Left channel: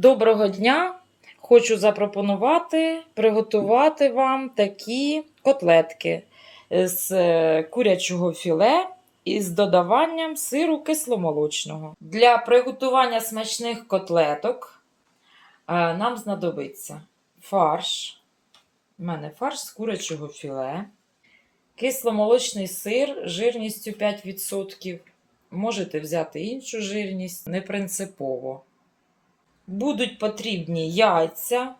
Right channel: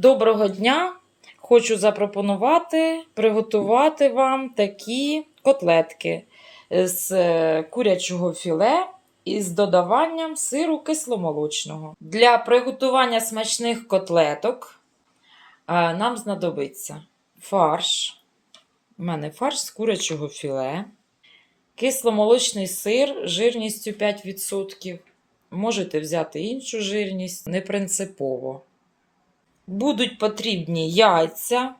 Доброго дня! Хочу запропонувати приготувати вам такі котлетки з е, курячого філе із додаванням сиру кисломолочного. Для приготування смачних котлеток е, нам знадобиться фарш. У мене фарш з курячого філе, кисломолочний сир жирністю 5%. Можете взяти іншу жирність, не принципово. Будуть потрібні яйця,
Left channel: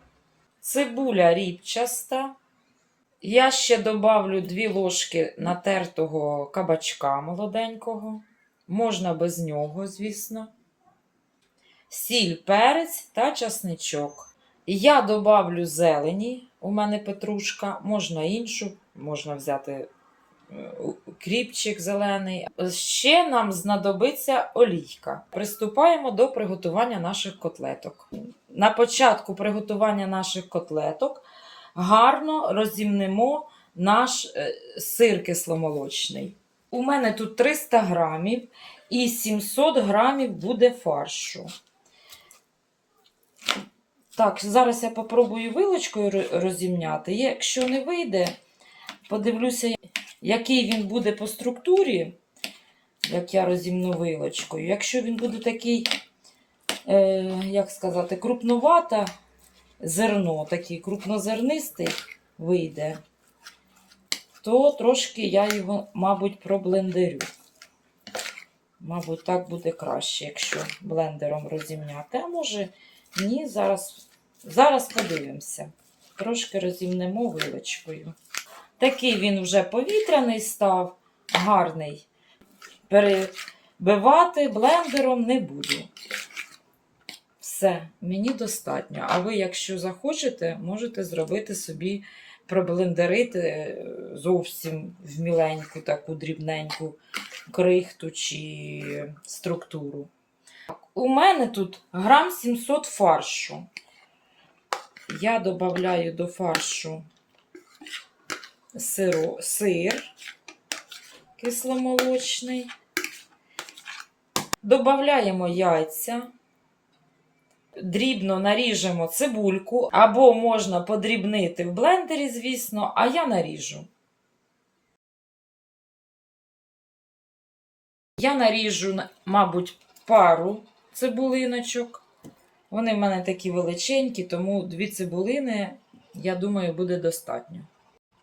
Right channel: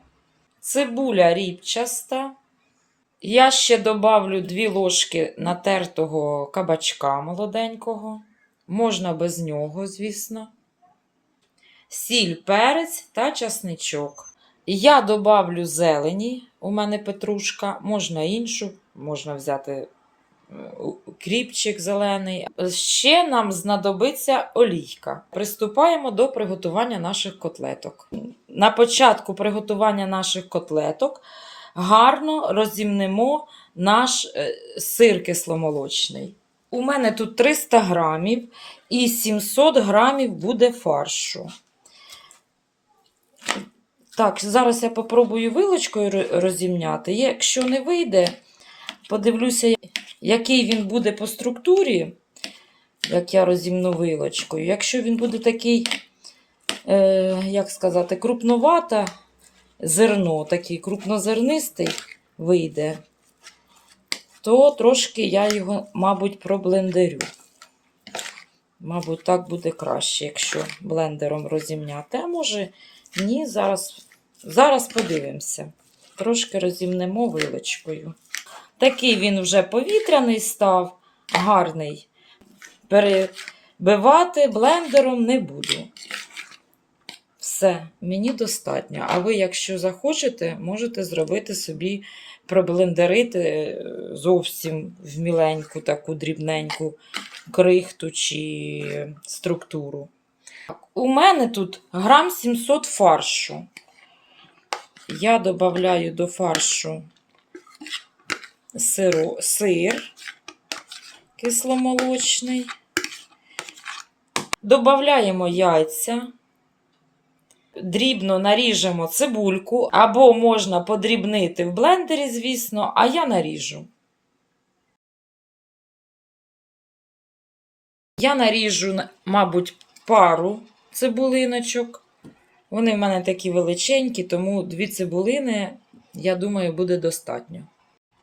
цибуля рібчаста. Я ще добавлю 2 ложки натертого кабачка молоденького. Можна без нього, звісно. Сіль, перець та часничок. Я добавлю зелені, у мене петрушка, можна іншу, можна взяти кріпчик зелений. Ще нам знадобиться олійка. Приступаємо до приготування наших котлеток. На початку приготування наших котлеток гарно розімнемо наш е, сир кисломолочний. У мене тут 300 грамів і 700 грамів буде фаршу. Так, зараз я попробую вилочкою розімняти. Якщо не вийде, подивлюся, який він буде по структурі, як я розімну вилочкою. Якщо він буде такий, е, як сказати, крупновата зерно, такий крупнозернистий вийде, то трошки я його, мабуть, проблендерю. Мабуть, так буде краще, якщо блендером розімняти. А може, ні, зараз, зараз подивимося. Трошки розімнемо вилочкою. Такий він вже повітряний став, гарний. Перебивати блендером не буду. Все, мені достатньо. А ви, якщо захочете, можете зробити собі проблендерити е, зовсім в міленьку, таку дрібненьку крихту чи структуру. У мене тут грам 700 фаршу. Я додаю до фаршу сиру, сир кисломолочний. Добавляємо яйця. Дрібно наріжемо цибульку, або можна подрібнити в блендері, звісно, а я наріжу. Я наріжу, мабуть, пару цибулиночок. Вони в мене такі величенькі, тому дві цибулини, я думаю, буде достатньо.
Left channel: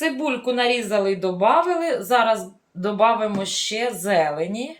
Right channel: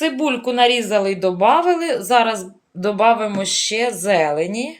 Цибульку нарізали і додали. Зараз додамо ще зелені.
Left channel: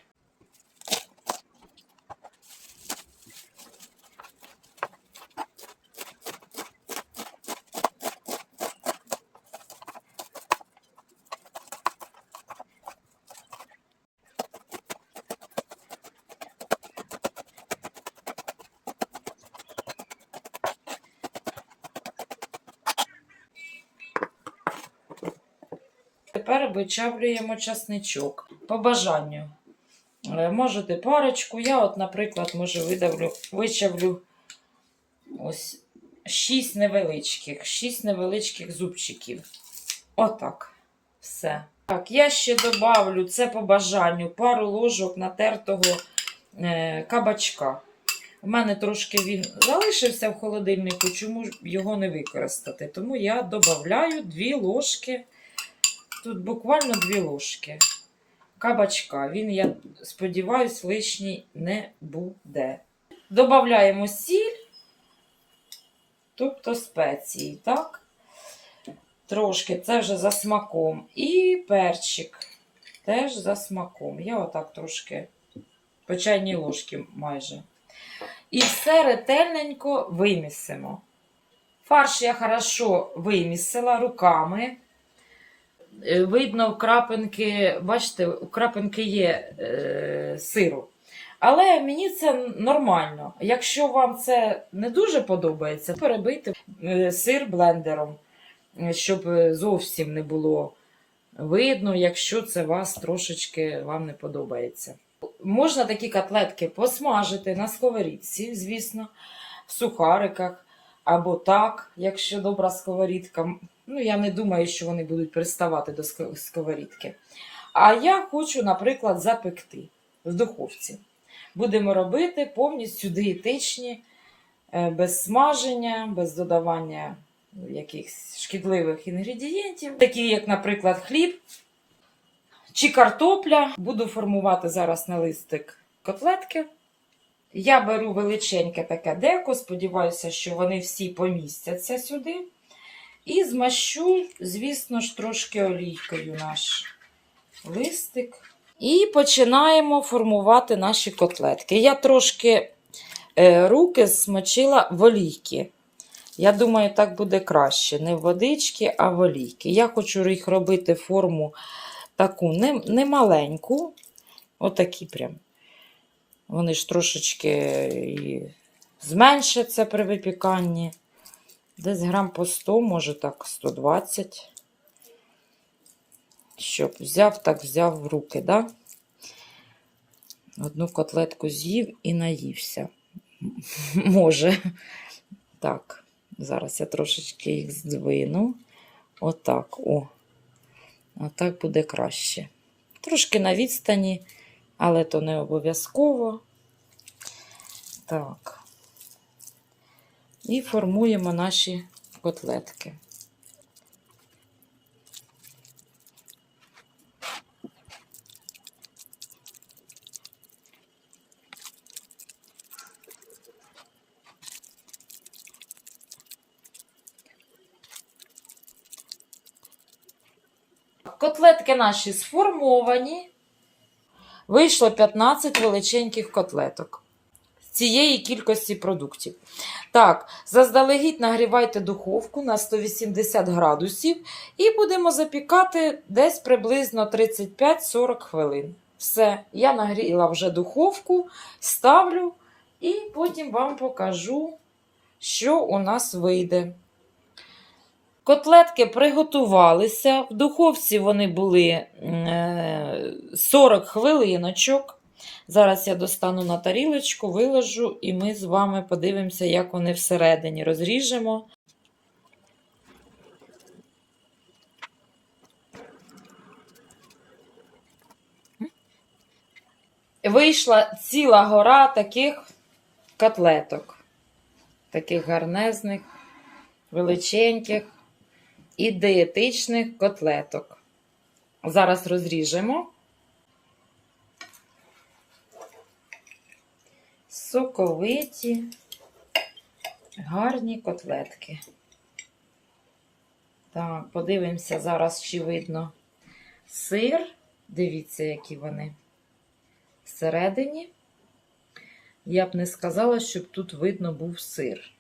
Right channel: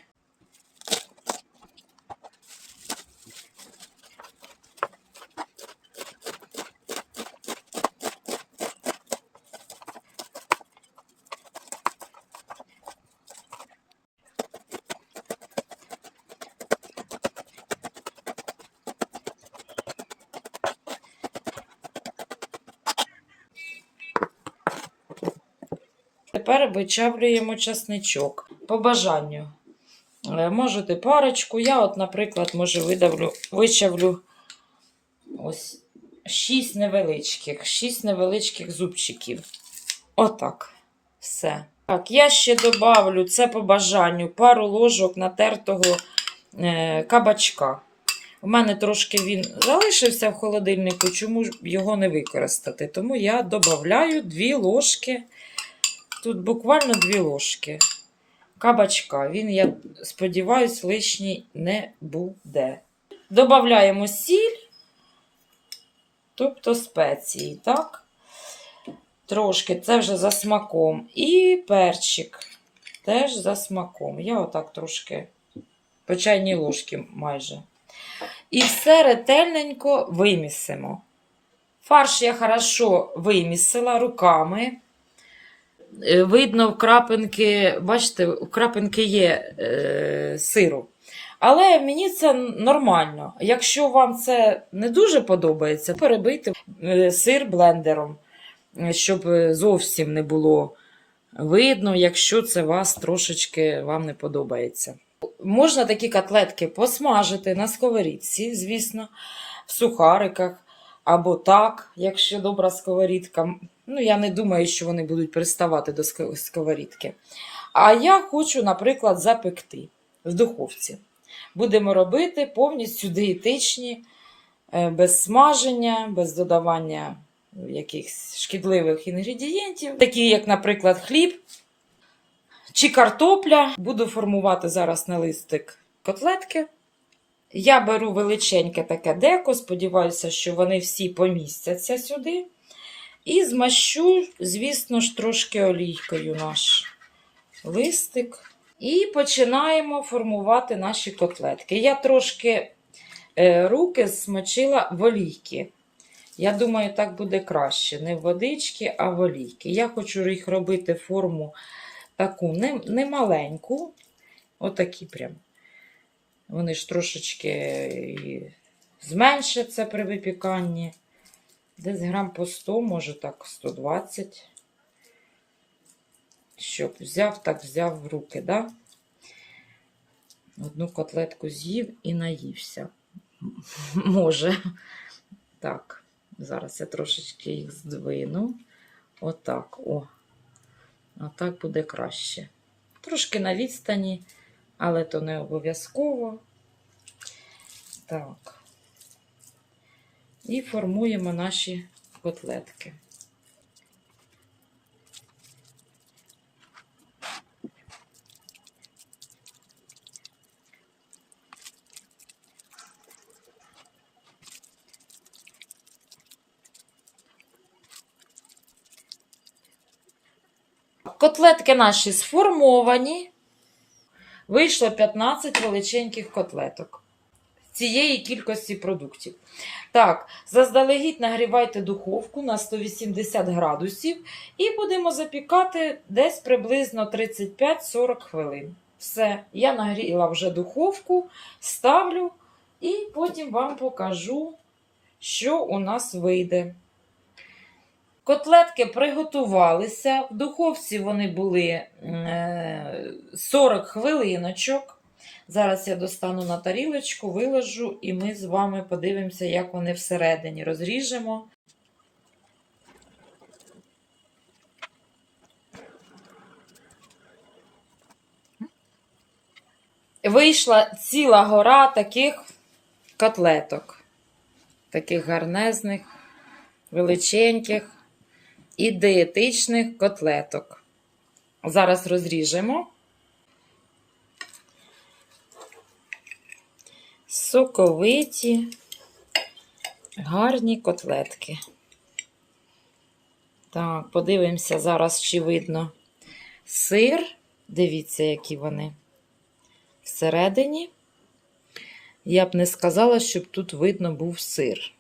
Тепер вичавлюємо часничок. По бажанню. Е, Можете парочку. Я, от, наприклад, може, видавлю, вичавлю ось 6 невеличких, 6 невеличких зубчиків. Отак. Все. Так, я ще добавлю це по бажанню пару ложок натертого е, кабачка. У мене трошки він залишився в холодильнику, чому його не використати? Тому я додаю 2 ложки. Тут буквально 2 ложки кабачка. Він, я сподіваюся, лишній не буде. Добавляємо сіль, тобто спеції, так? Трошки, це вже за смаком. І перчик теж за смаком. Я отак трошки по чайній ложці майже. І все ретельненько вимісимо. Фарш я хорошо вимісила руками. Е, Видно, крапинки, бачите, крапинки є е, сиру. Але мені це нормально. Якщо вам це не дуже подобається, перебийте е, сир блендером, е, щоб зовсім не було видно, якщо це вас трошечки вам не подобається. Можна такі котлетки посмажити на сковорідці, звісно, в сухариках або так, якщо добра сковорідка. Ну, я не думаю, що вони будуть приставати до ско- сковорідки. А я хочу, наприклад, запекти в духовці. Будемо робити повністю дієтичні, е, без смаження, без додавання якихось шкідливих інгредієнтів, такі як, наприклад, хліб чи картопля. Буду формувати зараз на листик котлетки. Я беру величеньке таке деко, сподіваюся, що вони всі помістяться сюди. І змащу, звісно ж, трошки олійкою наш листик. І починаємо формувати наші котлетки. Я трошки е, руки смочила в олійки. Я думаю, так буде краще. Не водички, а в олійки. Я хочу їх робити форму таку не, не маленьку, отакі прям. Вони ж трошечки і зменшаться при випіканні. Десь грам по 100, може так, 120. Щоб взяв, так взяв в руки, да? Одну котлетку з'їв і наївся. Може. Так, зараз я трошечки їх здвину. Отак, о. Отак буде краще. Трошки на відстані, але то не обов'язково. Так. І формуємо наші котлетки. Котлетки наші сформовані. Вийшло 15 величеньких котлеток з цієї кількості продуктів. Так, заздалегідь нагрівайте духовку на 180 градусів і будемо запікати десь приблизно 35-40 хвилин. Все, я нагріла вже духовку, ставлю і потім вам покажу, що у нас вийде. Котлетки приготувалися. В духовці вони були е, 40 хвилиночок. Зараз я достану на тарілочку, виложу, і ми з вами подивимося, як вони всередині розріжемо. Вийшла ціла гора таких котлеток, таких гарнезних, величеньких і дієтичних котлеток. Зараз розріжемо. Соковиті, гарні котлетки. Так, подивимося зараз, чи видно сир. Дивіться, які вони всередині. Я б не сказала, щоб тут видно був сир.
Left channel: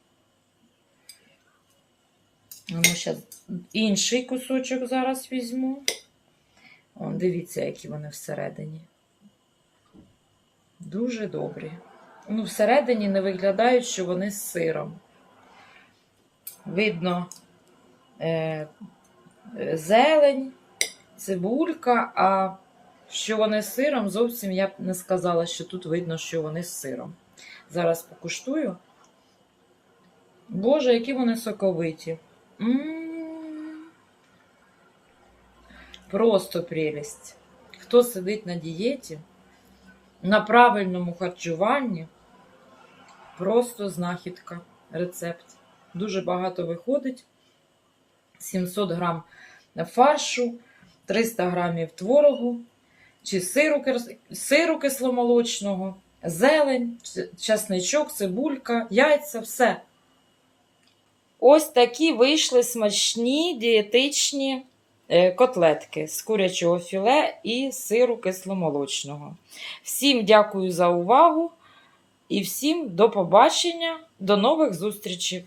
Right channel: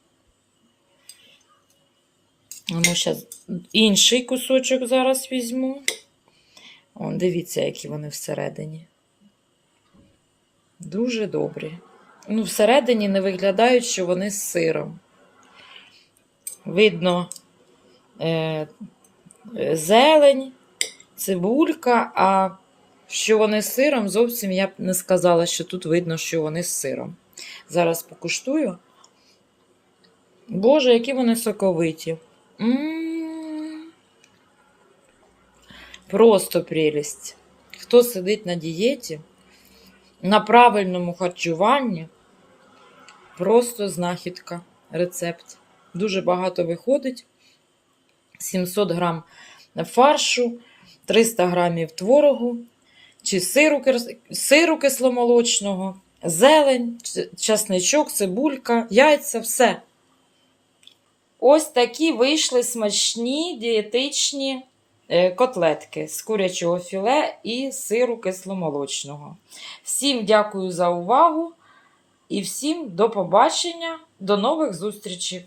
Ну, зараз інший кусочок зараз візьму. О, дивіться, які вони всередині. Дуже добрі. Ну, всередині не виглядають, що вони з сиром. Видно е, зелень, цибулька, а що вони з сиром, зовсім я б не сказала, що тут видно, що вони з сиром. Зараз покуштую. Боже, які вони соковиті. Просто прелість. Хто сидить на дієті, на правильному харчуванні, просто знахідка, рецепт. Дуже багато виходить. 700 грам фаршу, 300 грамів творогу, чи сиру, сиру кисломолочного, зелень, часничок, цибулька, яйця, все. Ось такі вийшли смачні, дієтичні е, котлетки з курячого філе і сиру кисломолочного. Всім дякую за увагу і всім до побачення, до нових зустрічей!